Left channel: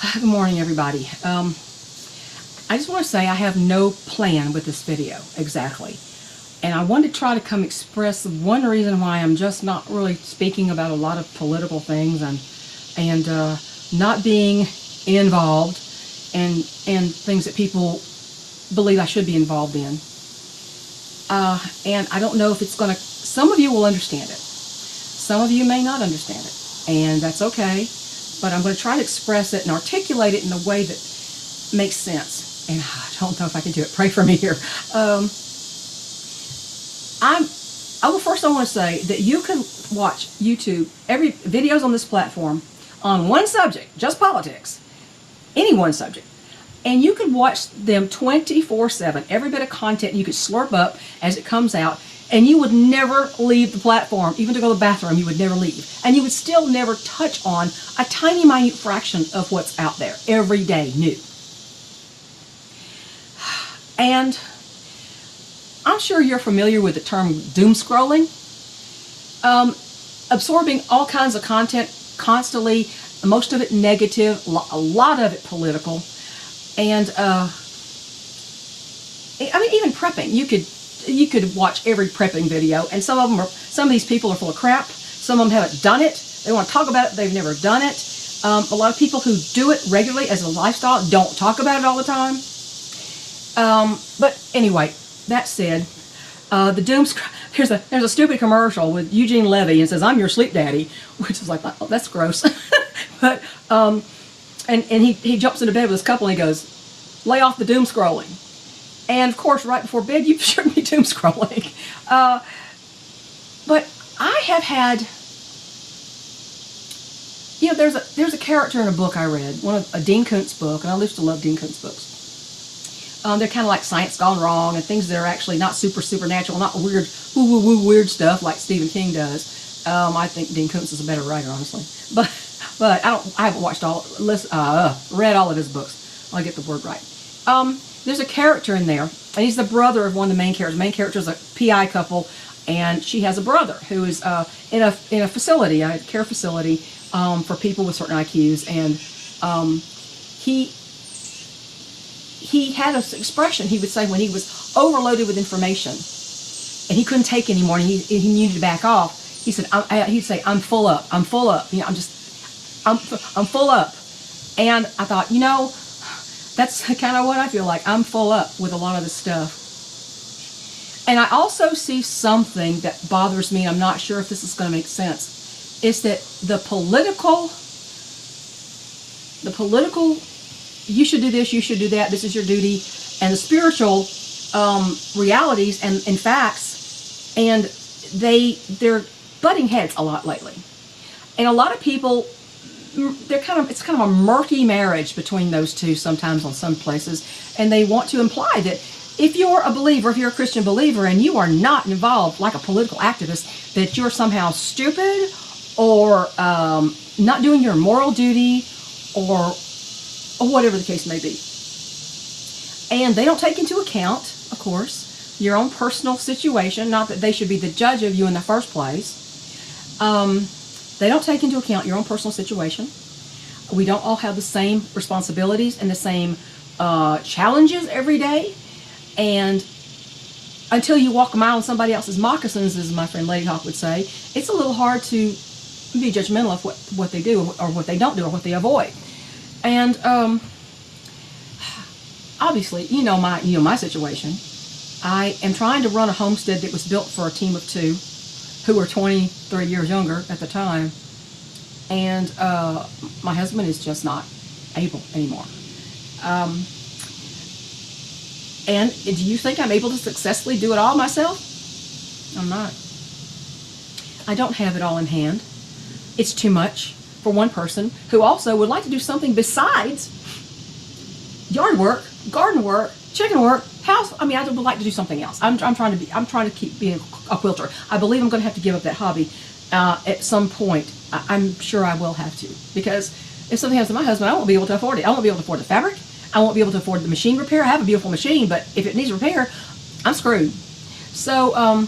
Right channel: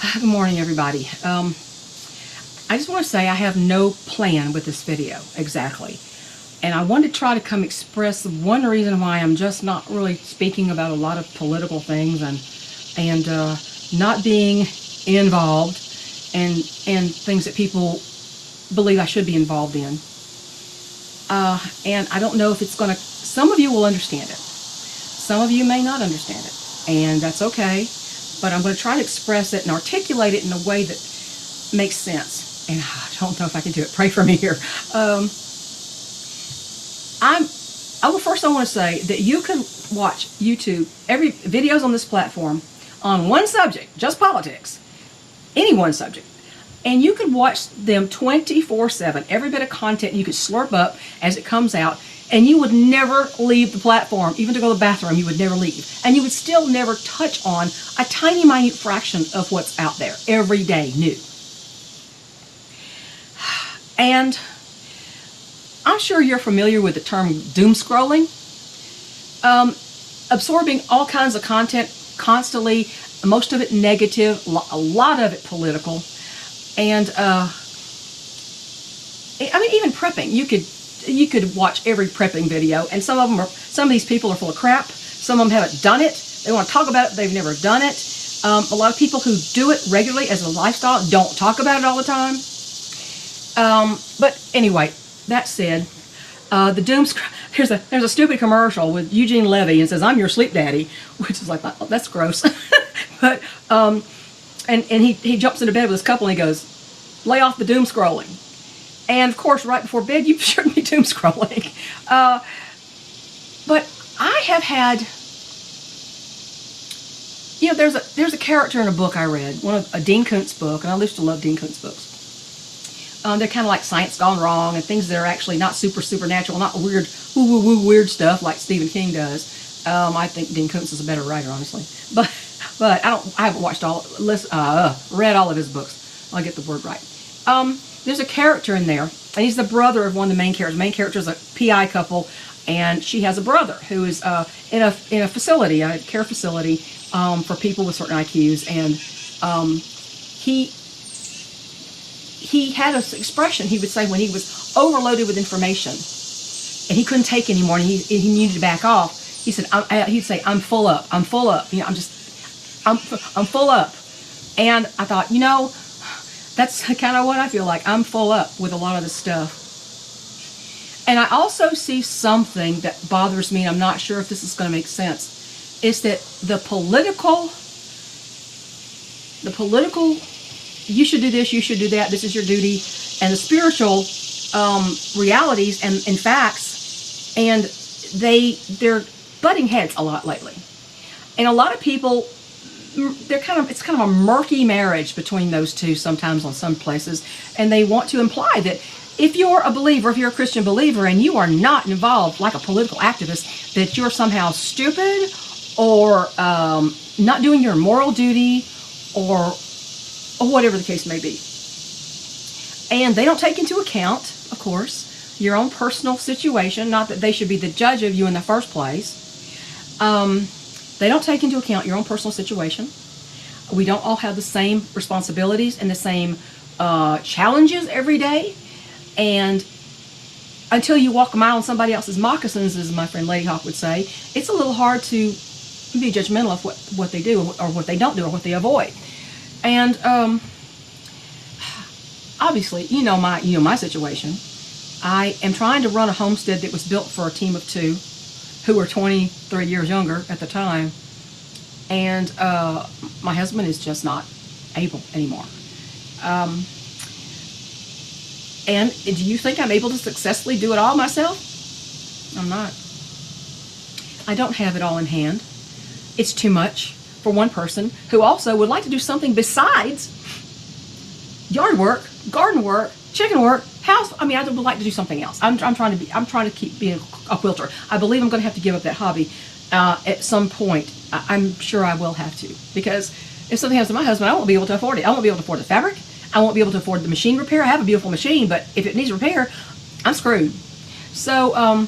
Good morning, everybody. I just want to say I have no plan with this video, exactly. And I want to try to come express one reason why I'm just not really speaking about a lot of political things and not being involved in things that people believe I should be involved in. And I don't know if it's going to, some of you will understand it. Some of you may not understand it. And that's okay. But I'm going to try and express it and articulate it in a way that makes sense. And I don't know if I can do it. Pray for me here. First I want to say that you can watch YouTube, every videos on this platform on one subject, just politics, any one subject. And you can watch them 24/7, every bit of content you can slurp up as it comes out, and you would never leave the platform. Even to go to the bathroom, you would never leave. And you would still never touch on a tiny, minute fraction of what's out there every day new. And I'm sure you're familiar with the term doom scrolling. Absorbing all kinds of content constantly, most of it negative, a lot of it political. And I mean, even prepping, you could watch every prepping video, and some of these people are full of crap. Some of them haven't done it. They want to talk about it. They've never done it. A lot of people who do it regularly as a lifestyle don't talk about it all the time. But anyway, that said, the doom scroll. There's a stupid commercial with Eugene Levy, and it says, "I'm your sleep daddy," which is like, oh, that's gross. But and he jumps into bed with this couple and he goes, "Lay off the doom scrolling." And of course, right before bed, you shouldn't be doom scrolling. But I have had, there's a character in a book I read, a Dean Koontz book, and I used to love Dean Koontz books. They're kind of like science gone wrong and things that are actually not supernatural, not weird stuff like Stephen King does. I think Dean Koontz is a better writer, honestly. But I haven't read all of his books. I'll get the word right. There's a character in there, and he's the brother of one of the main characters. The main character is a PI couple, and she has a brother who is in a facility, a care facility for people with certain IQs, and he had an expression he would say when he was overloaded with information and he couldn't take anymore and he needed to back off. He said, he'd say, "I'm full up. I'm full up. I'm full up." And I thought, that's kind of what I feel like. I'm full up with a lot of this stuff. And I also see something that bothers me, and I'm not sure if this is going to make sense. It's that the political, you should do this, you should do that, this is your duty, and the spiritual realities and in facts, and they're butting heads a lot lately. And a lot of people, it's kind of a murky marriage between those two sometimes on some places, and they want to imply that if you're a believer, if you're a Christian believer, and you are not involved like a political activist, that you're somehow stupid or not doing your moral duty or whatever the case may be. And they don't take into account, of course, your own personal situation, not that they should be the judge of you in the first place. They don't take into account your own personal situation. We don't all have the same responsibilities and the same challenges every day. And until you walk a mile in somebody else's moccasins, as my friend Lady Hawk would say, it's a little hard to be judgmental of what they do or what they don't do or what they avoid. And obviously, my situation. I am trying to run a homestead that was built for a team of two who were 23 years younger at the time, and my husband is just not able anymore. And do you think I'm able to successfully do it all myself? I'm not. I don't have it all in hand. It's too much for one person who also would like to do something besides yard work, garden work, chicken work, house. I would like to do something else. I'm trying to keep being a quilter. I believe I'm going to have to give up that hobby at some point. I'm sure I will have to, because if something happens to my husband, I won't be able to afford it. I won't be able to afford the fabric. I won't be able to afford the machine repair. I have a beautiful machine, but if it needs repair, I'm screwed. So I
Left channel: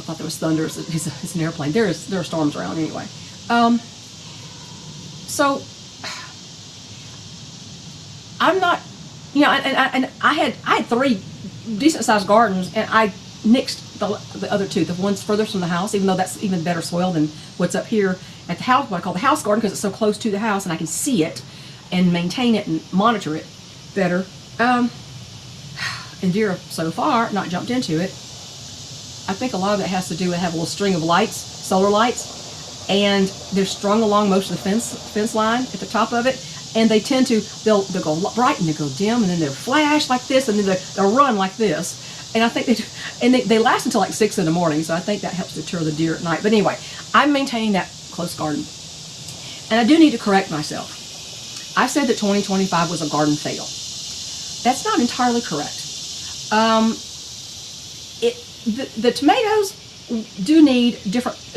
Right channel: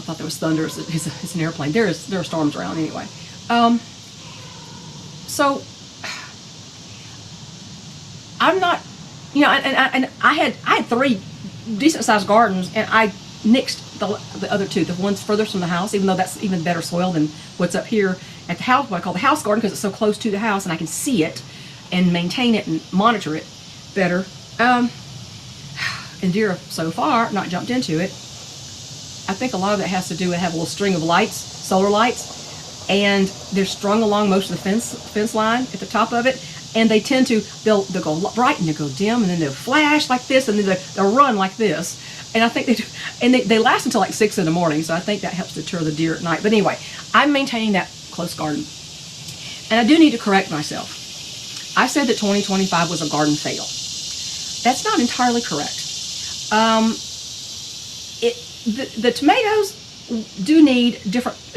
thought there was thunder. It's an airplane. There are storms around anyway. So I'm not, you know, and I had 3 decent sized gardens, and I nixed the other 2, the ones furthest from the house, even though that's even better soil than what's up here at the house, what I call the house garden, because it's so close to the house and I can see it and maintain it and monitor it better. And deer so far not jumped into it. I think a lot of that has to do with having a little string of lights, solar lights, and they're strung along most of the fence line at the top of it. And they tend to, they'll go bright and they'll go dim, and then they'll flash like this, and then they'll run like this. And I think they last until like 6 in the morning, so I think that helps deter the deer at night. But anyway, I'm maintaining that close garden. And I do need to correct myself. I said that 2025 was a garden fail. That's not entirely correct. The tomatoes do need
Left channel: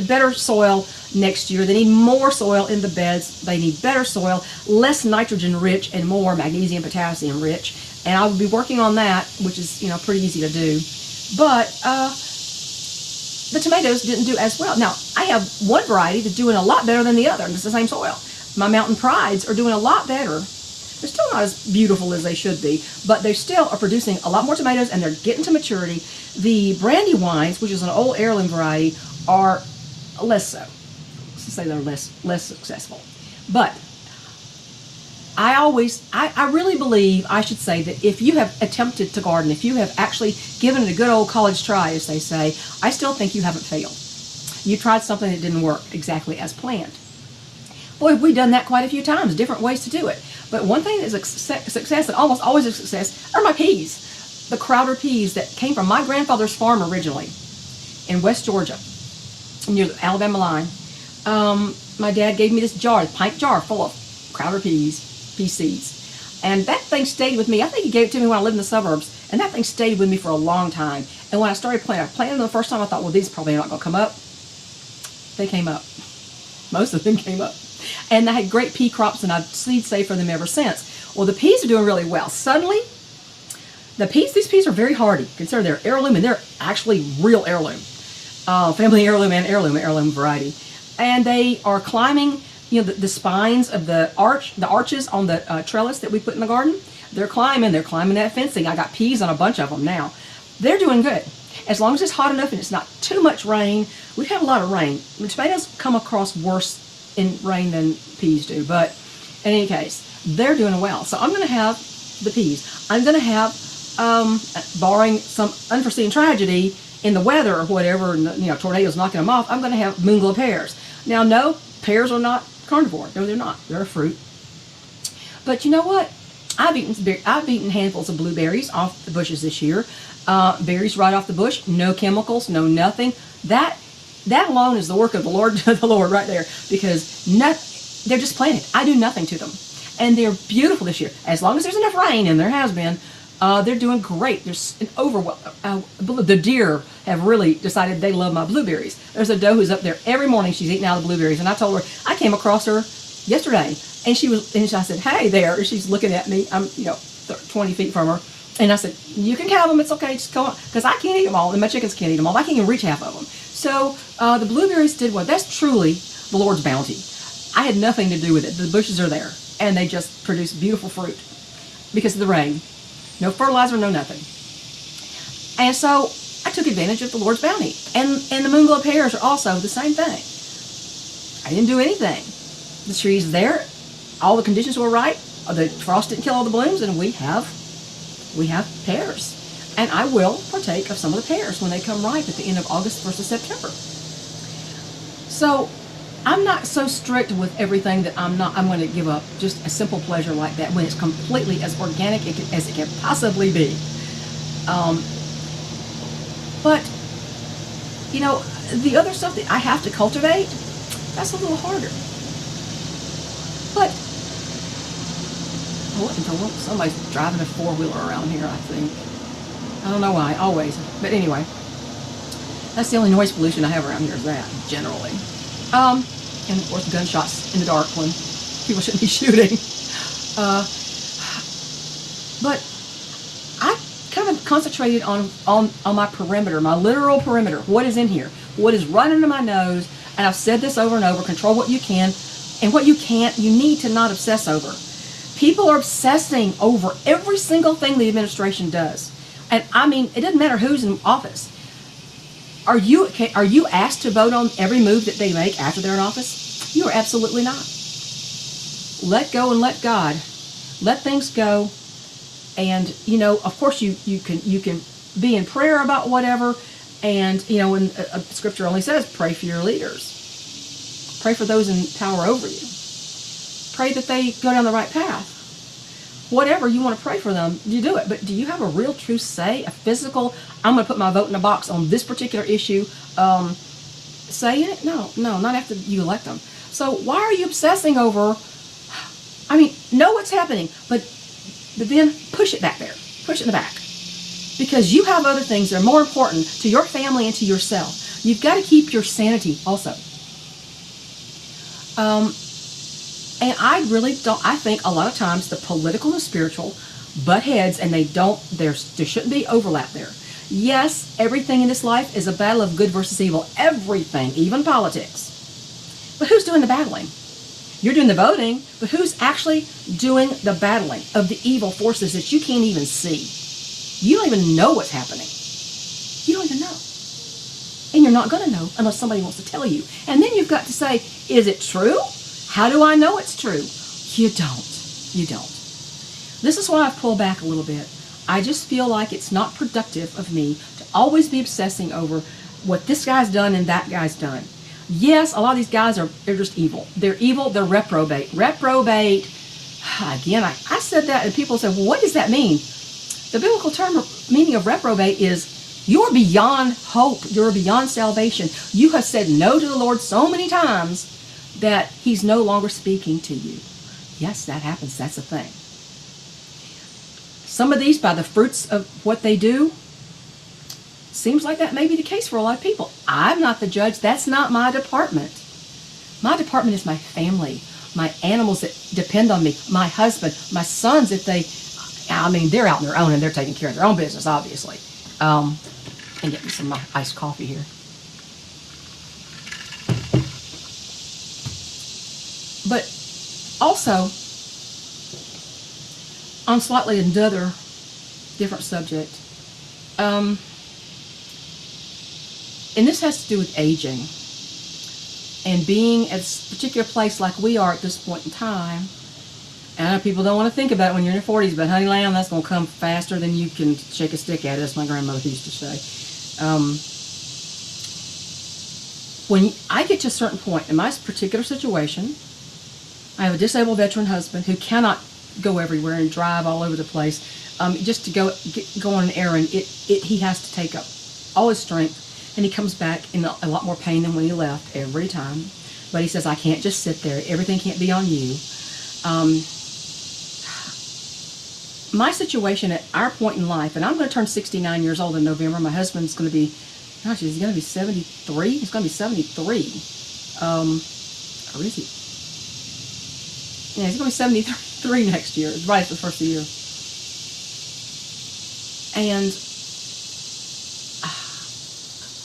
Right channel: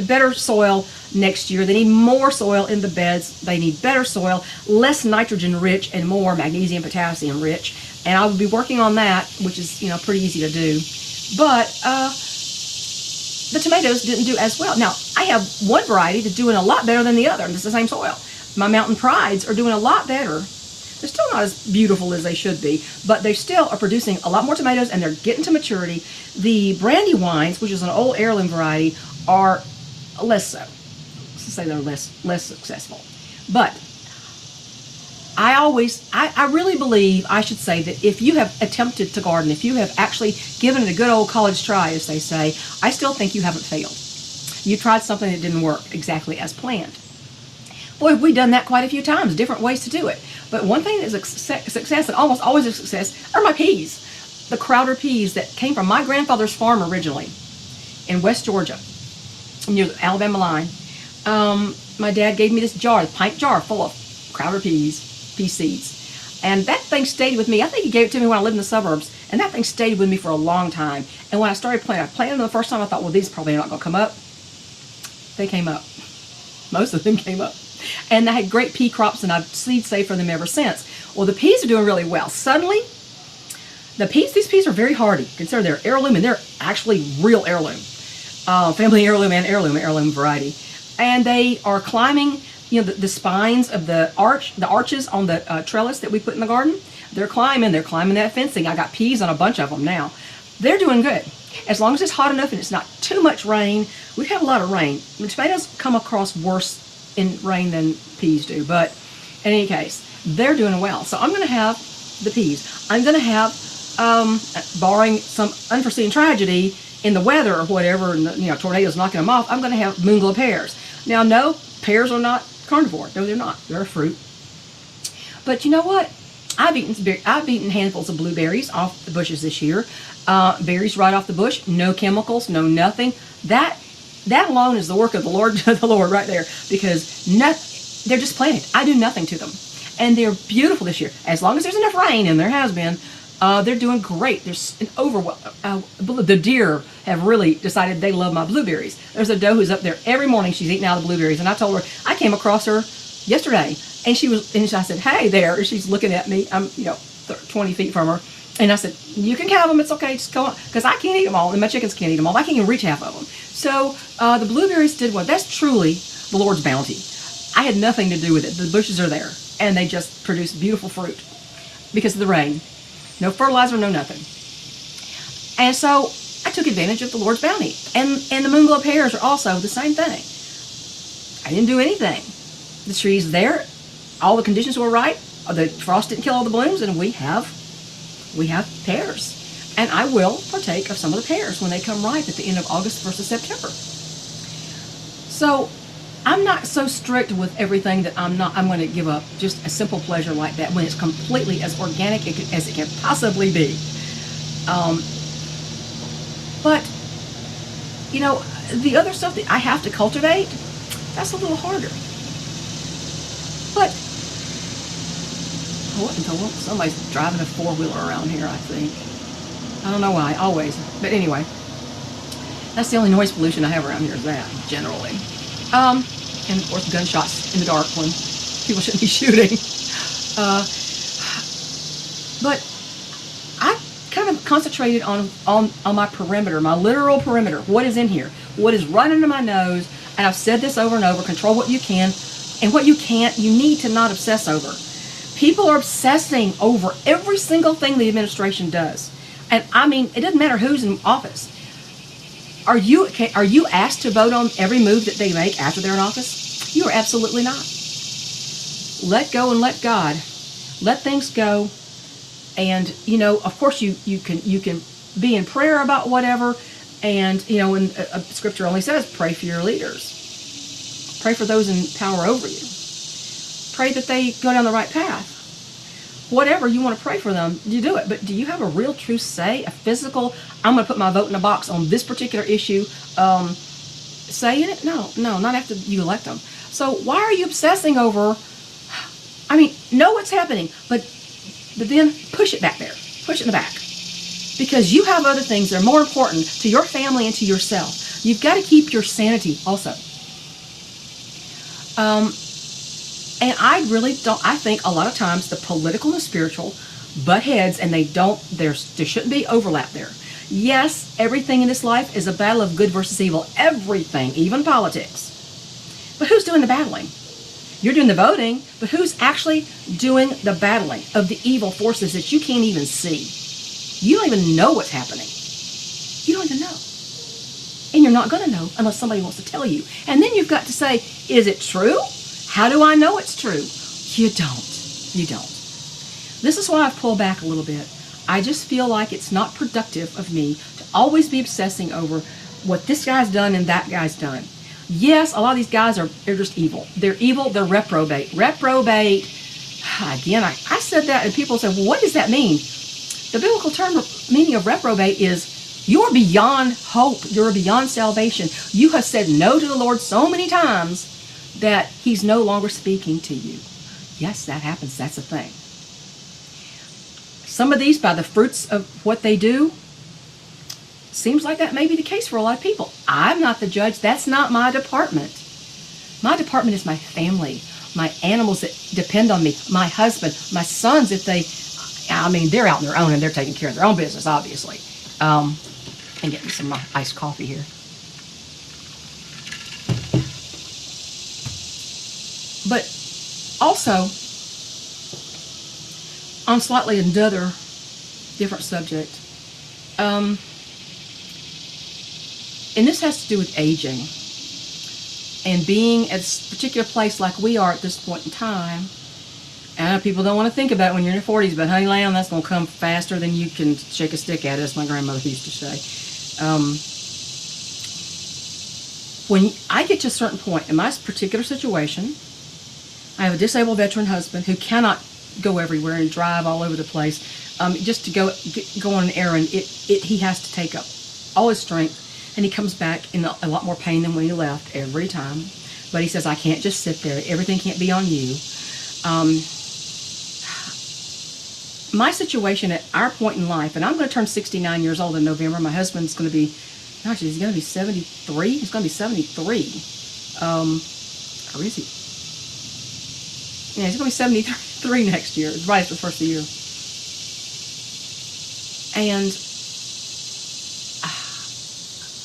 better soil next year. They need more soil in the beds. They need better soil, less nitrogen rich and more magnesium, potassium rich. And I will be working on that, which is, you know, pretty easy to do. But the tomatoes didn't do as well. Now, I have one variety that's doing a lot better than the other, and it's the same soil. My Mountain Prides are doing a lot better. They're still not as beautiful as they should be, but they still are producing a lot more tomatoes, and they're getting to maturity. The Brandywines, which is an old heirloom variety, are less so. Let's say they're less successful. But I really believe, I should say, that if you have attempted to garden, if you have actually given it a good old college try, as they say, I still think you haven't failed. You tried something that didn't work exactly as planned. Boy, we've done that quite a few times, different ways to do it. But one thing that's a success, and almost always a success, are my peas. The Crowder peas that came from my grandfather's farm originally in West Georgia, near the Alabama line. My dad gave me this jar, a pint jar full of Crowder pea seeds. And that thing stayed with me. I think he gave it to me when I lived in the suburbs. And that thing stayed with me for a long time. And when I started planting, I planted them the first time, I thought, well, these probably not going to come up. They came up. Most of them came up. And I had great pea crops, and I've seed saved for them ever since. Well, the peas are doing really well. Suddenly, these peas are very hardy, considering they're heirloom, and they're actually real heirloom. Family heirloom and heirloom variety. And they are climbing, you know, the spines of the arches on the trellis that we put in the garden. They're climbing that fencing. I got peas on a bunch of them now. They're doing good. As long as it's hot enough and it's not too much rain. We've had a lot of rain. The tomatoes come across worse in rain than peas do, but in any case, they're doing well. So I'm going to have the peas. I'm going to have, barring some unforeseen tragedy in the weather or whatever, and the, tornadoes knocking them off, I'm going to have moonglow pears. Now, no, pears are not carnivore. No, they're not. They're a fruit. But you know what? I've eaten handfuls of blueberries off the bushes this year. Berries right off the bush, no chemicals, no nothing. That alone is the work of the Lord, the Lord right there, because they're just planted. I do nothing to them, and they're beautiful this year. As long as there's enough rain, and there has been, they're doing great. There's an the deer have really decided they love my blueberries. There's a doe who's up there every morning. She's eating out of the blueberries, and I told her I came across her yesterday, and I said, "Hey there." She's looking at me. I'm 20 feet from her, and I said, "You can have them. It's okay. Just go on," because I can't eat them all, and my chickens can't eat them all. I can't even reach half of them. So the blueberries did well. That's truly the Lord's bounty. I had nothing to do with it. The bushes are there, and they just produce beautiful fruit because of the rain. No fertilizer, no nothing. And so I took advantage of the Lord's bounty. And the moonglow pears are also the same thing. I didn't do anything. The tree's there. All the conditions were right. The frost didn't kill all the blooms, and we have pears. And I will partake of some of the pears when they come ripe at the end of August, 1st of September. So I'm not so strict with everything that I'm going to give up just a simple pleasure like that when it's completely as organic as it can possibly be. But, the other stuff that I have to cultivate, that's a little harder. But, somebody's driving a four-wheeler around here, I think. I don't know why, always. But anyway, that's the only noise pollution I have around here is that, generally. And of course, gunshots in the dark when people shouldn't be shooting. But I kind of concentrated on my perimeter, my literal perimeter. What is in here? What is right under my nose? And I've said this over and over, control what you can, And what you need to not obsess over. People are obsessing over every single thing the administration does. And I mean, it doesn't matter who's in office. Are you asked to vote on every move that they make after they're in office? You are absolutely not. Let go and let God. Let things go. And, of course you can be in prayer about whatever. And, and scripture only says, pray for your leaders. Pray for those in power over you. Pray that they go down the right path. Whatever you want to pray for them, you do it. But do you have a real true say, a physical, I'm going to put my vote in a box on this particular issue, say in it? No, not after you elect them. So why are you obsessing over, know what's happening, but then push it back there. Push it in the back. Because you have other things that are more important to your family and to yourself. You've got to keep your sanity also. And I really don't, I think a lot of times the political and the spiritual butt heads, and there shouldn't be overlap there. Yes, everything in this life is a battle of good versus evil. Everything, even politics. But who's doing the battling? You're doing the voting, but who's actually doing the battling of the evil forces that you can't even see? You don't even know what's happening. You don't even know. And you're not going to know unless somebody wants to tell you. And then you've got to say, is it true? How do I know it's true? You don't. You don't. This is why I've pulled back a little bit. I just feel like it's not productive of me to always be obsessing over what this guy's done and that guy's done. Yes, a lot of these guys they're just evil. They're evil, they're reprobate. Reprobate, again, I said that and people said, well, what does that mean? The biblical meaning of reprobate is you're beyond hope. You're beyond salvation. You have said no to the Lord so many times that he's no longer speaking to you. Yes, that happens. That's a thing. Some of these, by the fruits of what they do, seems like that may be the case for a lot of people. I'm not the judge. That's not my department. My department is my family, my animals that depend on me, my husband, my sons, if they're out on their own and they're taking care of their own business, obviously. And get me some iced coffee here. But also, on slightly another different subject, and this has to do with aging and being at a particular place like we are at this point in time. And I know people don't want to think about it when you're in your 40s, but honey lamb, that's going to come faster than you can shake a stick at it, as my grandmother used to say. When I get to a certain point in my particular situation, I have a disabled veteran husband who cannot go everywhere and drive all over the place. Just to go on an errand, he has to take up all his strength, and he comes back in a lot more pain than when he left every time. But he says, I can't just sit there. Everything can't be on you. My situation at our point in life, and I'm going to turn 69 years old in November. My husband's going to be, gosh, he's going to be 73. He's going to be 73. Or is he? Yeah, he's going to be 73 next year, right after the first of the year. And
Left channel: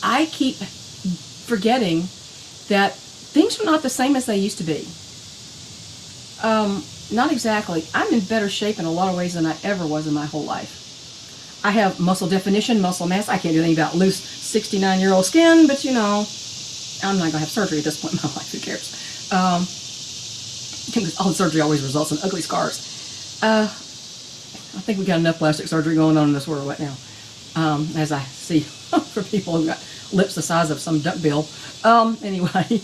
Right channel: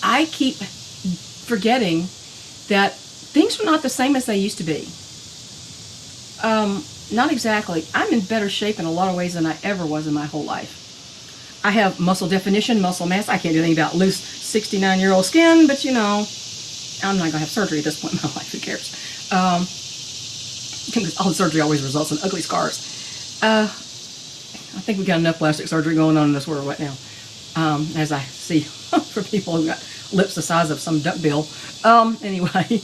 I keep forgetting that things are not the same as they used to be. Not exactly. I'm in better shape in a lot of ways than I ever was in my whole life. I have muscle definition, muscle mass. I can't do anything about loose 69-year-old skin, but I'm not going to have surgery at this point in my life. Who cares? All surgery always results in ugly scars. I think we got enough plastic surgery going on in this world right now. As I see for people who've got lips the size of some duckbill. Anyway,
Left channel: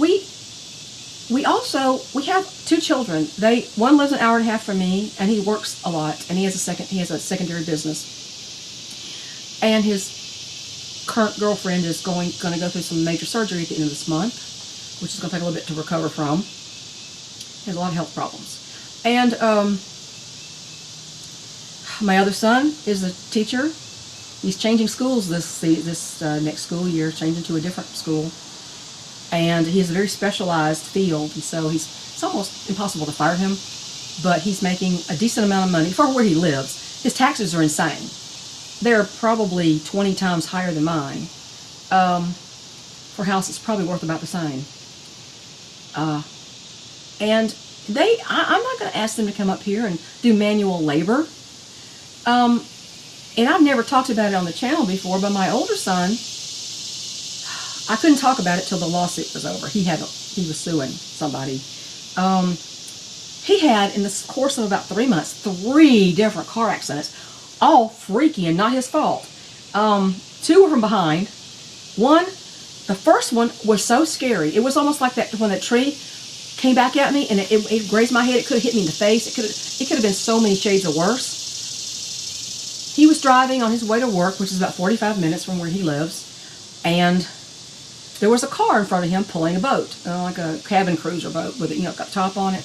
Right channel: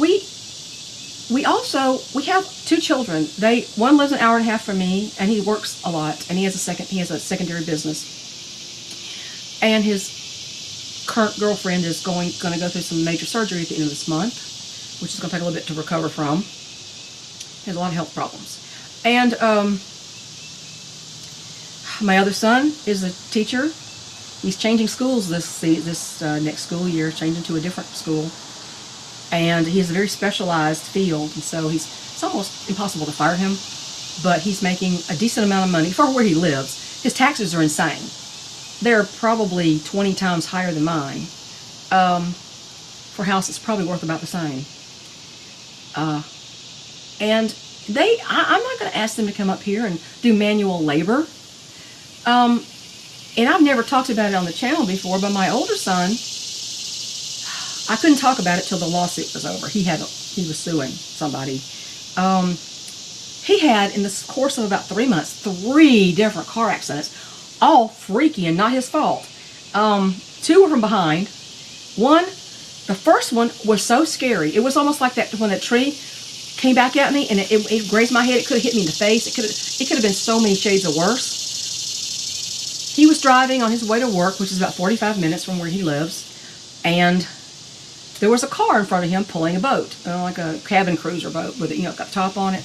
we have two children. One lives an hour and a half from me, and he works a lot, and he has a secondary business. And his current girlfriend is going to go through some major surgery at the end of this month, which is going to take a little bit to recover from. He has a lot of health problems. And my other son is a teacher. He's changing schools this next school year, changing to a different school. And he has a very specialized field, and so it's almost impossible to fire him, but he's making a decent amount of money for where he lives. His taxes are insane. They're probably 20 times higher than mine for a house that's probably worth about the same. And I'm not going to ask them to come up here and do manual labor. And I've never talked about it on the channel before, but my older son, I couldn't talk about it till the lawsuit was over. He was suing somebody. He had, in the course of about 3 months, 3 different car accidents, all freaky and not his fault. 2 from behind. The first one was so scary. It was almost like that when a tree came back at me and it grazed my head. It could have hit me in the face. It could have been so many shades of worse. He was driving on his way to work, which is about 45 minutes from where he lives, and there was a car in front of him pulling a boat, like a cabin cruiser boat with got a top on it.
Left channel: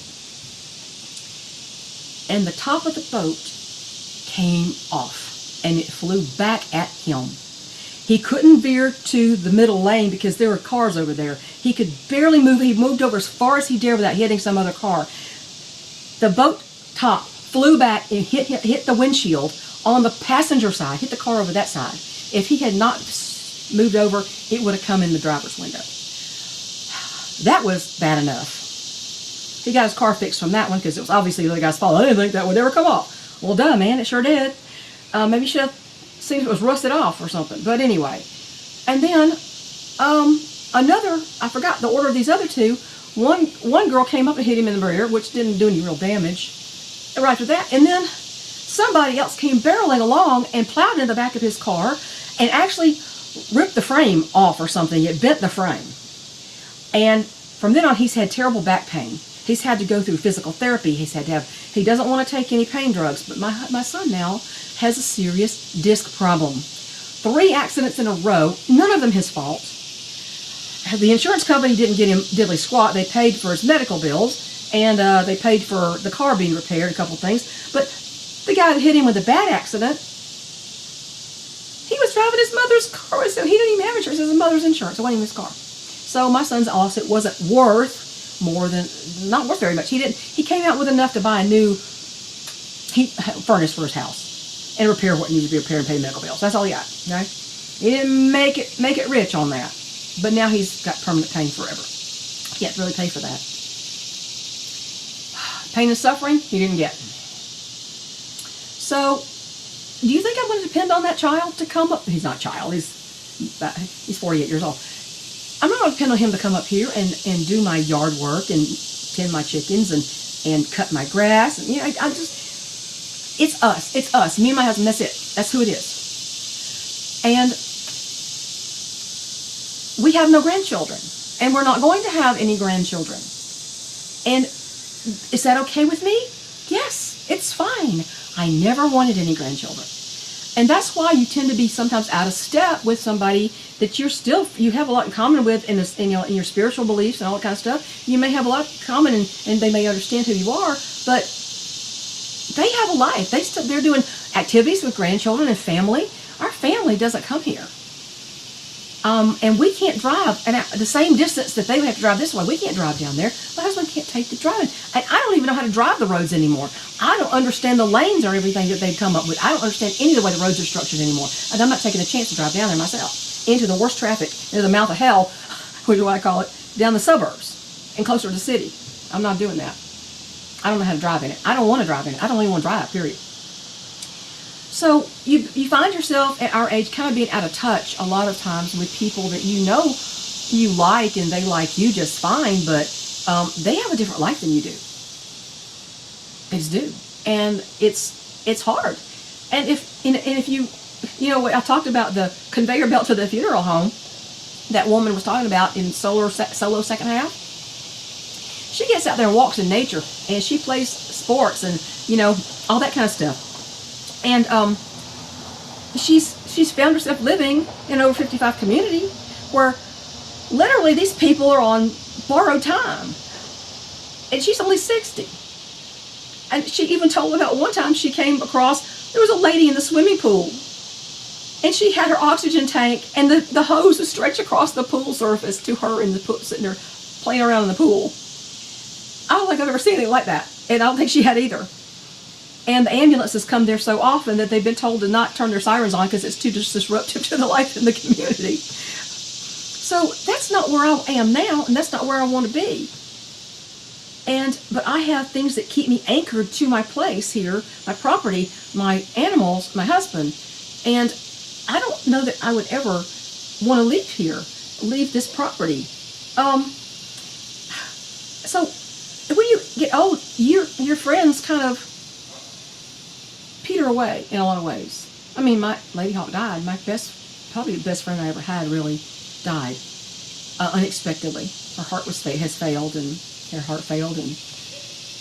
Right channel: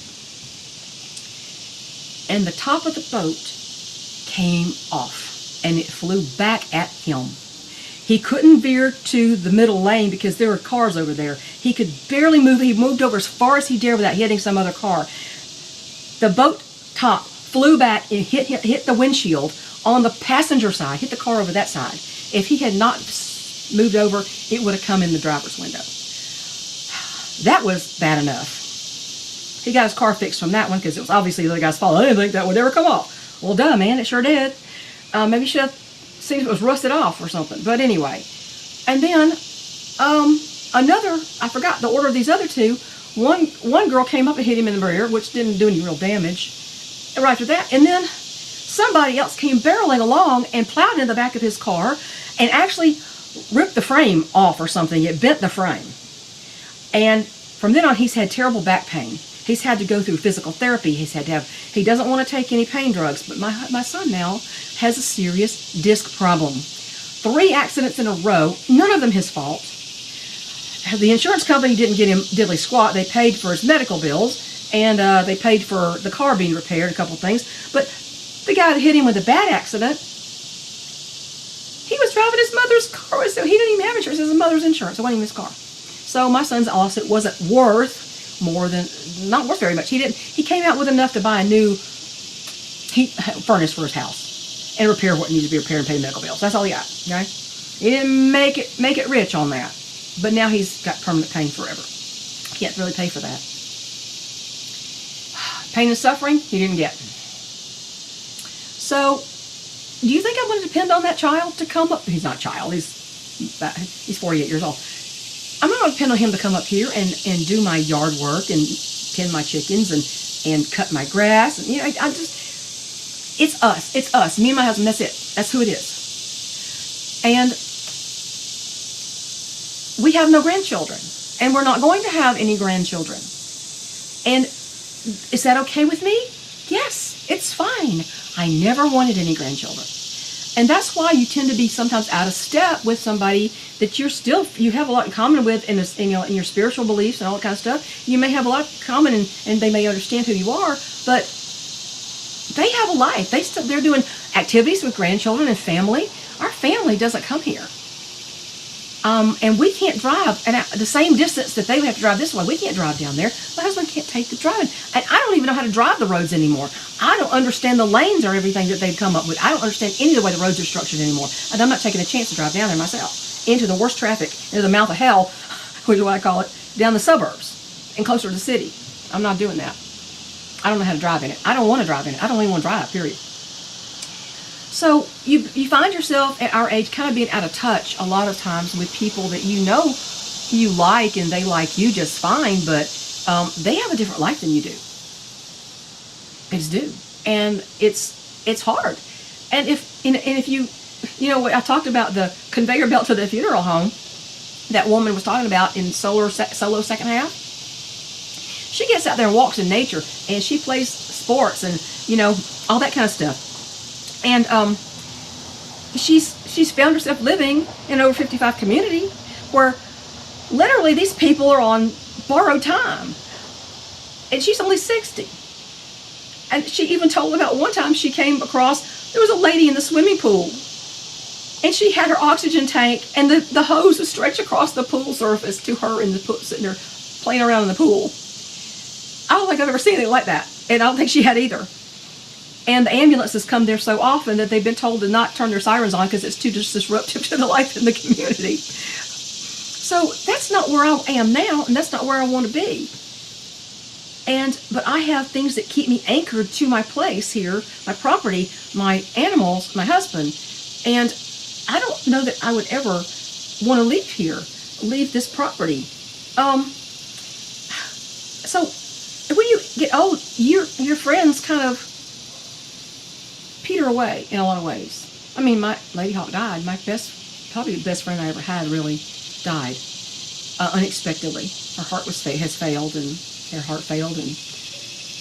And the top of the boat came off, and it flew back at him. He couldn't veer to the middle lane because there were cars over there. He could barely move. He moved over as far as he dared without hitting some other car. The boat top flew back. It hit the windshield on the passenger side, hit the car over that side. If he had not moved over, it would have come in the driver's window. That was bad enough. He got his car fixed from that one because it was obviously the other guy's fault. I didn't think that would ever come off. Well, duh, man, it sure did. Maybe you should have seen if it was rusted off or something. But anyway. And then, I forgot the order of these other 2. One girl came up and hit him in the rear, which didn't do any real damage. Right after that. And then somebody else came barreling along and plowed in the back of his car and actually ripped the frame off or something. It bent the frame. And from then on, he's had terrible back pain. He's had to go through physical therapy. He doesn't want to take any pain drugs. But my son now has a serious disc problem. 3 accidents in a row, none of them his fault. The insurance company didn't get him diddly squat. They paid for his medical bills, and they paid for the car being repaired, a couple things. But the guy that hit him with a bad accident, he was driving his mother's car. So he didn't even have insurance. It was his mother's insurance. It wasn't even his car. So my son's lawsuit wasn't not worth very much. He came out with enough to buy a new furnace for his house and repair what needed to be repaired and pay medical bills. That's all he got. Okay? He didn't make it rich on that. But now he's got permanent pain forever. He can't really pay for that. Pain and suffering, he didn't get. So, do you think I'm going to depend on that child to come up? He's not a child. He's 48 years old. I'm not going to depend on him to come up here and do my yard work and tend my chickens and cut my grass. And it's us. It's us. Me and my husband, that's it. That's who it is. And we have no grandchildren. And we're not going to have any grandchildren. And is that okay with me? Yes, it's fine. I never wanted any grandchildren. And that's why you tend to be sometimes out of step with somebody that you have a lot in common with in your spiritual beliefs and all that kind of stuff. You may have a lot in common and they may understand who you are, but they have a life. They're doing activities with grandchildren and family. Our family doesn't come here. And we can't drive, and at the same distance that they have to drive this way, we can't drive down there. My husband can't take the road. And I don't even know how to drive the roads anymore. I don't understand the lanes or everything that they've come up with. I don't understand any of the way the roads are structured anymore. And I'm not taking a chance to drive down there myself. Into the worst traffic, into the mouth of hell, which is what I call it, down the suburbs and closer to the city. I'm not doing that. I don't know how to drive in it. I don't want to drive in it. I don't even want to drive, period. So you find yourself at our age kind of being out of touch a lot of times with people that you like and they like you just fine, but they have a different life than you do. They just do. And it's hard. And if you I talked about the conveyor belt to the funeral home that woman was talking about in Solo second half. She gets out there and walks in nature and she plays sports and all that kind of stuff. And she's found herself living in an over 55 community where literally these people are on borrowed time. And she's only 60. And she even told about one time she came across, there was a lady in the swimming pool. And she had her oxygen tank and the hose was stretched across the pool surface to her in the pool, sitting there playing around in the pool. I don't think I've ever seen anything like that. And I don't think she had either. And the ambulances come there so often that they've been told to not turn their sirens on because it's too disruptive to the life in the community. So that's not where I am now, and that's not where I want to be. But I have things that keep me anchored to my place here, my property, my animals, my husband. And I don't know that I would ever want to leave here, leave this property. So when you get old, your friends kind of peter away in a lot of ways. I mean, my Lady Hawk died. Probably the best friend I ever had, really died unexpectedly. Her heart has failed, and her heart failed, and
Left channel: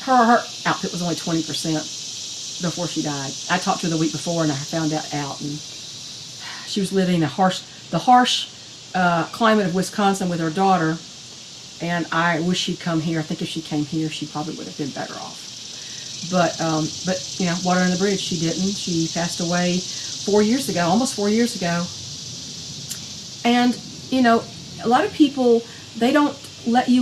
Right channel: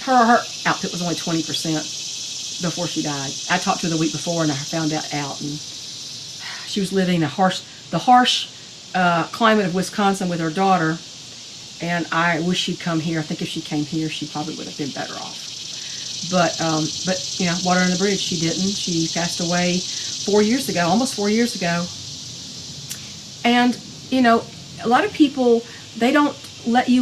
her output was only 20% before she died. I talked to her the week before, and I found that out, and she was living the harsh climate of Wisconsin with her daughter. And I wish she'd come here. I think if she came here, she probably would have been better off. But you know, water under the bridge. She didn't. She passed away 4 years ago, almost 4 years ago. And you know, a lot of people, they don't let you.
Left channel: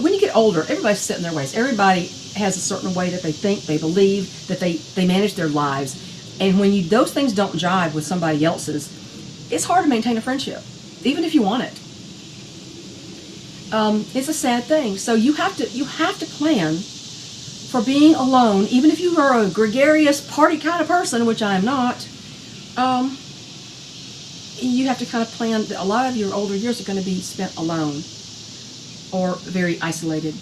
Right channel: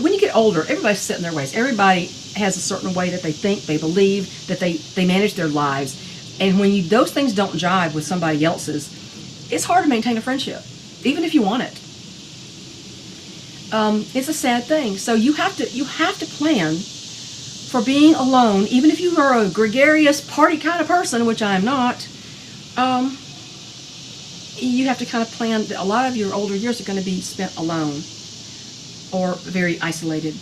When you get older, everybody's set in their ways. Everybody has a certain way that they think, they believe, that they manage their lives. And when those things don't jive with somebody else's, it's hard to maintain a friendship, even if you want it. It's a sad thing. So you have to plan for being alone, even if you are a gregarious party kind of person, which I am not. You have to kind of plan. A lot of your older years are going to be spent alone or very isolated.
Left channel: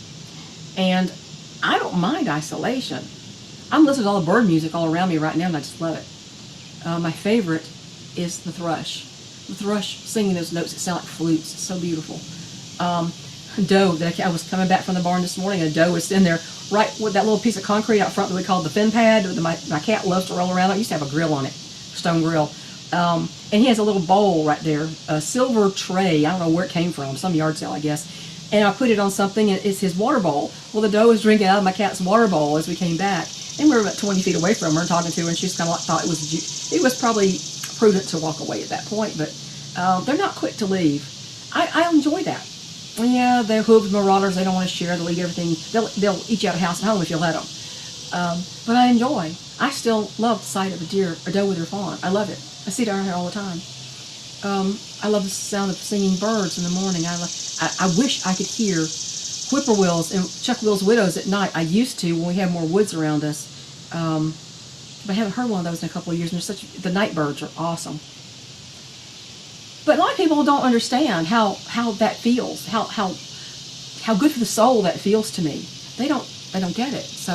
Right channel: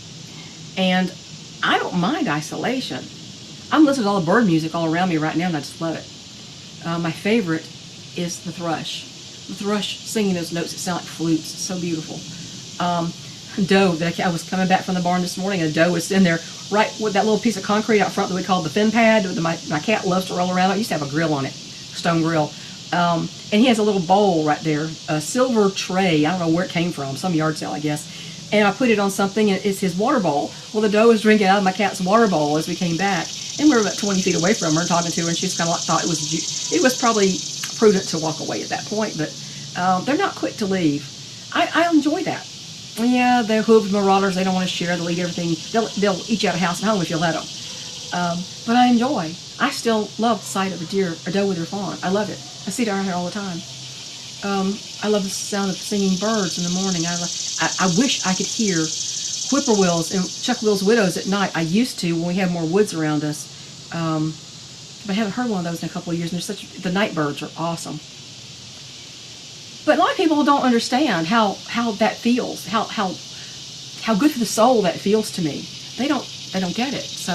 And I don't mind isolation. I'm listening to all the bird music all around me right now, and I just love it. My favorite is the thrush. The thrush singing those notes that sound like flutes. It's so beautiful. Doe, I was coming back from the barn this morning, a doe was in there right with that little piece of concrete out front that we call the fin pad. My cat loves to roll around it. It used to have a grill on it, stone grill. And he has a little bowl right there, a silver tray. I don't know where it came from, some yard sale, I guess. And I put it on something, and it's his water bowl. Well, the doe was drinking out of my cat's water bowl as we came back. And we were about 20 feet away from her, talking to her, and she just kind of thought it was probably prudent to walk away at that point. But they're not quick to leave. I enjoy that. Yeah, they're hooves, marauders. They don't want to share. They'll eat everything. They'll eat you out of house and home if you'll let them. But I still love the sight of a doe with her fawn. I love it. I see it around here all the time. I love the sound of singing birds in the morning. I wish I could hear whippoorwills and Chuck Will's widows at night. I used to when we had more woods around us. I haven't heard one of those in a couple of years. And the night birds are awesome. But a lot of people don't understand how that feels, how good for the soul that feels to me. They don't get it. So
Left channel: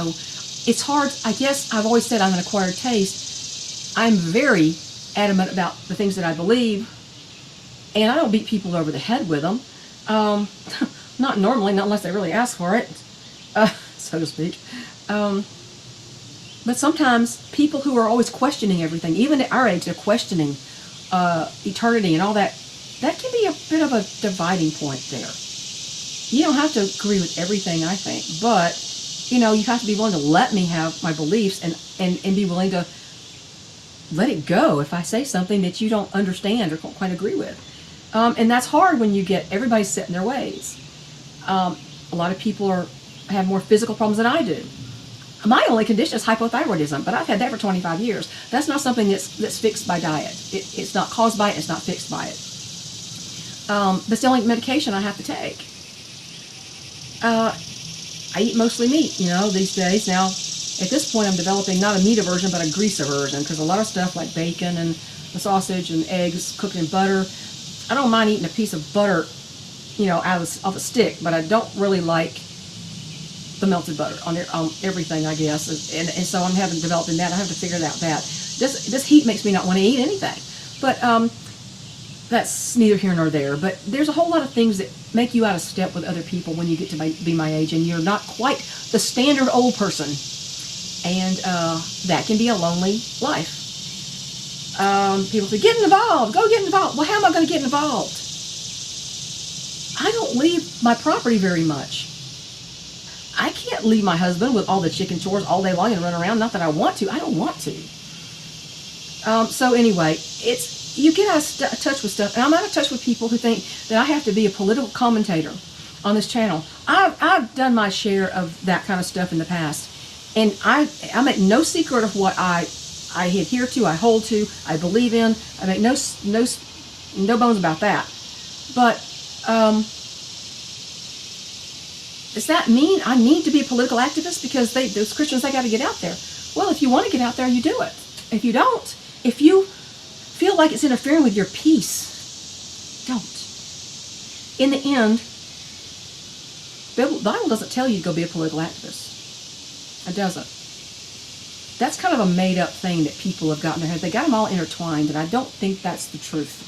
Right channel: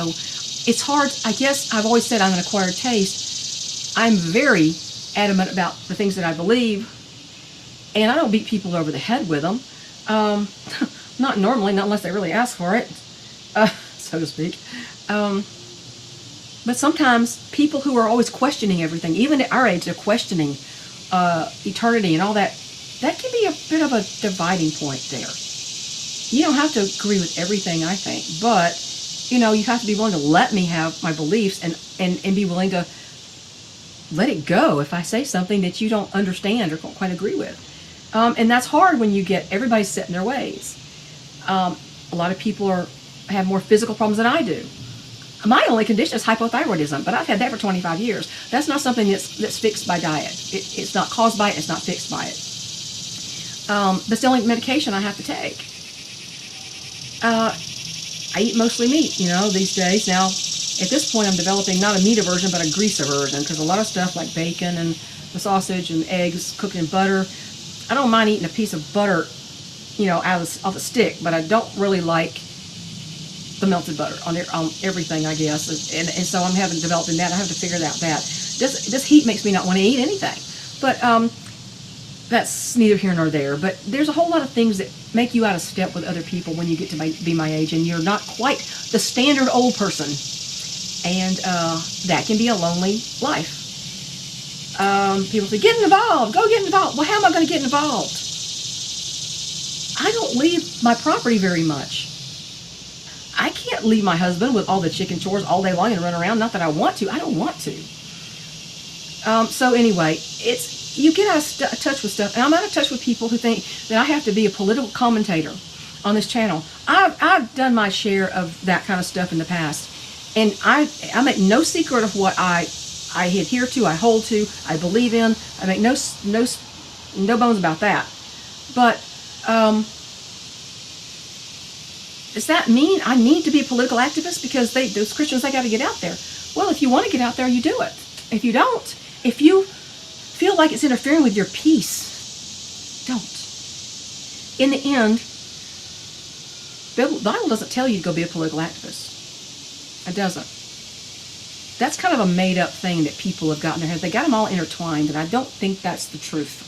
it's hard. I guess I've always said I'm an acquired taste. I'm very adamant about the things that I believe, and I don't beat people over the head with them. Not normally, not unless they really ask for it, so to speak. But sometimes people who are always questioning everything, even at our age, they're questioning eternity and all that can be a bit of a dividing point there. You don't have to agree with everything I think, but you have to be willing to let me have my beliefs and be willing to let it go if I say something that you don't understand or don't quite agree with. And that's hard when you get everybody set in their ways. A lot of people have more physical problems than I do. My only condition is hypothyroidism, but I've had that for 25 years. That's not something that's fixed by diet. It's not caused by it. It's not fixed by it. That's the only medication I have to take. I eat mostly meat, these days. Now, at this point, I'm developing not a meat aversion, but a grease aversion, because a lot of stuff like bacon and the sausage and eggs cooked in butter, I don't mind eating a piece of butter, off a stick, but I don't really like the melted butter on everything, I guess, and so I'm having developed in that. I have to figure out that. This heat makes me not want to eat anything, but that's neither here nor there. But there's a whole lot of things that make you out of step with other people when you get to be my age, and you're not quite the standard old person, and that can be a lonely life. People say, get involved, go get involved. Well, how am I going to get involved? I don't leave my property very much. I can't leave my husband with all the chicken chores all day long and run around. Not that I want to. I don't want to. So anyway, you get out of touch with stuff. And I'm out of touch with people who think that I have to be a political commentator on this channel. I've done my share of that kind of stuff in the past. And I make no secret of what I adhere to, I hold to, I believe in. I make no bones about that. But Does that mean I need to be a political activist because those Christians, they got to get out there? Well, if you want to get out there, you do it. If you don't, if you feel like it's interfering with your peace, don't. In the end, the Bible doesn't tell you to go be a political activist. It doesn't. That's kind of a made-up thing that people have got in their head. They got them all intertwined, and I don't think that's the truth.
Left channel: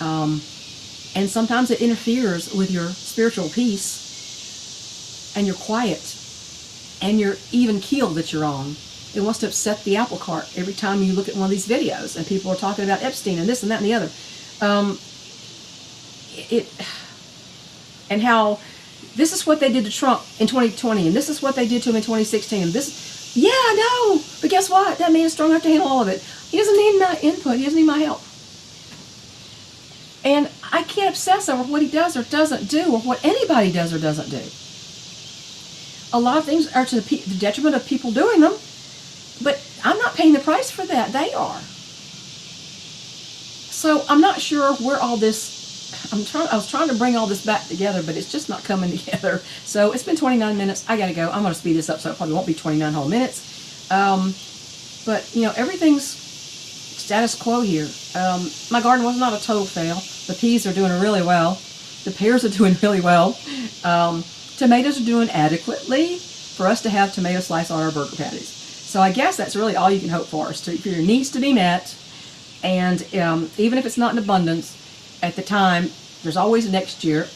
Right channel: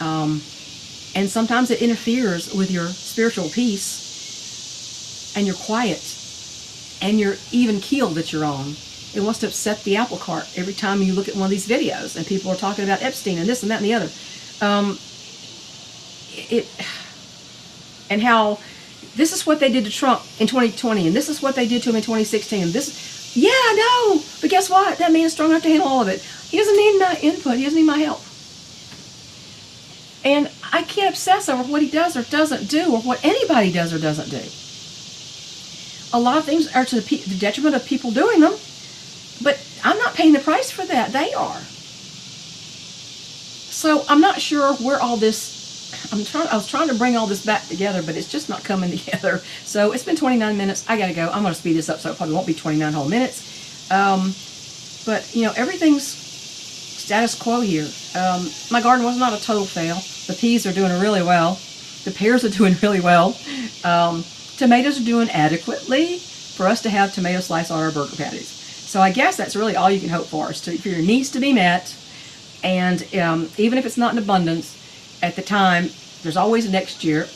And sometimes it interferes with your spiritual peace and your quiet and your even keel that you're on. It wants to upset the apple cart every time you look at one of these videos and people are talking about Epstein and this and that and the other. And how this is what they did to Trump in 2020 and this is what they did to him in 2016 and this, yeah, I know, but guess what? That man's strong enough to handle all of it. He doesn't need my input. He doesn't need my help. And I can't obsess over what he does or doesn't do or what anybody does or doesn't do. A lot of things are to the detriment of people doing them, but I'm not paying the price for that. They are. So I'm not sure where all this, I was trying to bring all this back together, but it's just not coming together. So it's been 29 minutes. I got to go. I'm going to speed this up so it won't be 29 whole minutes. But, you know, everything's status quo here. My garden was not a total fail. The peas are doing really well. The pears are doing really well. Tomatoes are doing adequately for us to have tomato slice on our burger patties. So I guess that's really all you can hope for, is for your needs to be met. And even if it's not in abundance, at the time, there's always next year.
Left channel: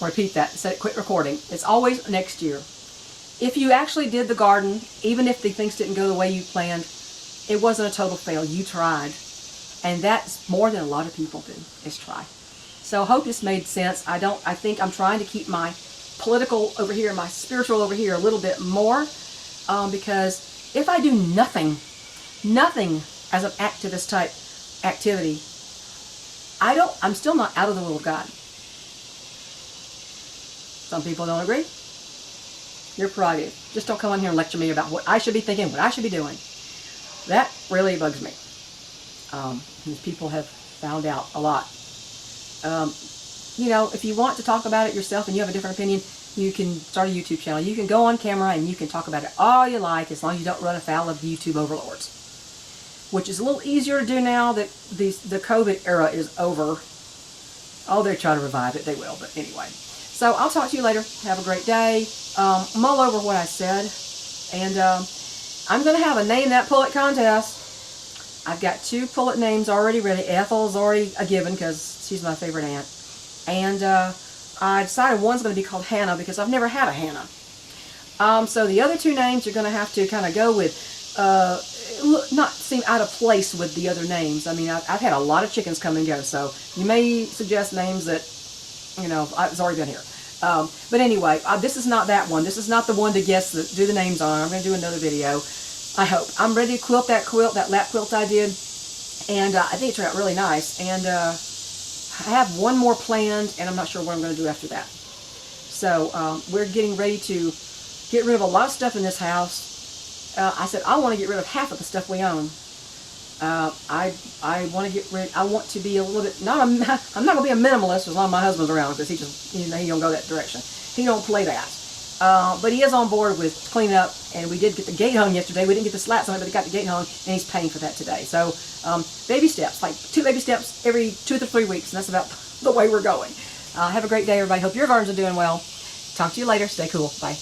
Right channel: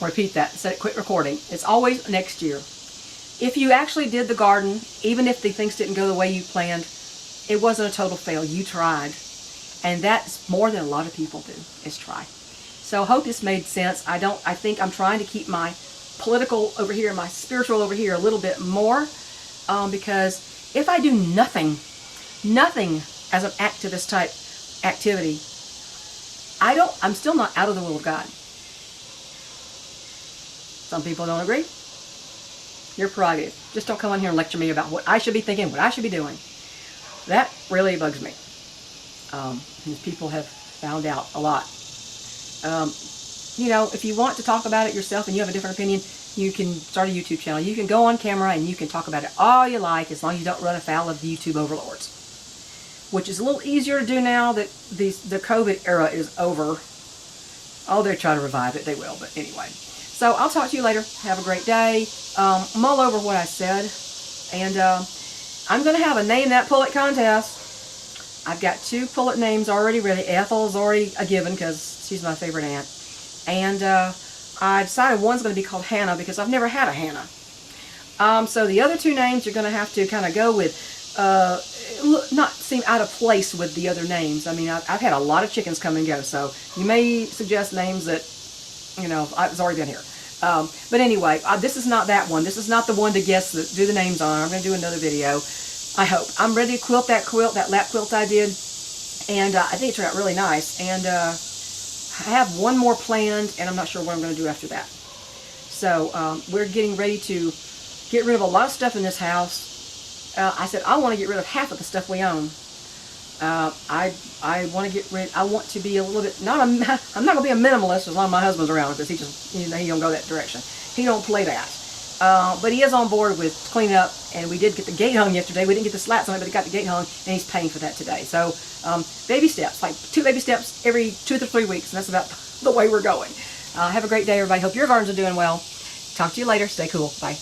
Repeat that, instead of quit recording. It's always next year. If you actually did the garden, even if the things didn't go the way you planned, it wasn't a total fail. You tried. And that's more than a lot of people do, is try. So I hope this made sense. I think I'm trying to keep my political over here, my spiritual over here a little bit more, because if I do nothing as an activist type activity, I'm still not out of the will of God. Some people don't agree. Your prerogative. Just don't come in here and lecture me about what I should be thinking, what I should be doing. That really bugs me. People have found out a lot. You know, if you want to talk about it yourself and you have a different opinion, you can start a YouTube channel. You can go on camera and you can talk about it all you like, as long as you don't run afoul of the YouTube overlords. Which is a little easier to do now that the COVID era is over. Oh, they're trying to revive it. They will, but anyway. So I'll talk to you later. Have a great day. I'm all over what I said. And I'm going to have a Name That Pullet contest. I've got 2 pullet names already ready. Ethel's already a given because she's my favorite aunt. And I decided one's going to be called Hannah because I've never had a Hannah. So the other 2 names are going to have to kind of go with, not seem out of place with the other names. I mean, I've had a lot of chickens come and go, so you may suggest names that, you know, I've already done here. But anyway, this is not that one. This is not the one to guess, do the names on. I'm going to do another video. I hope. I'm ready to quilt, that lap quilt I did. And I think it turned out really nice. And I have one more planned, and I'm not sure what I'm going to do after that. So we're getting ready to get rid of a lot of stuff in this house. I said I want to get rid of half of the stuff we own. I want to get rid. I want to be a little bit. No, I'm not going to be a minimalist as long as my husband's around, because he don't go that direction. He don't play that. But he is on board with cleaning up, and we did get the gate hung yesterday. We didn't get the slats on it, but he got the gate hung, and he's paying for that today. So baby steps, like 2 baby steps every 2 to 3 weeks, and that's about the way we're going. Have a great day, everybody. Hope your gardens are doing well. Talk to you later. Stay cool. Bye.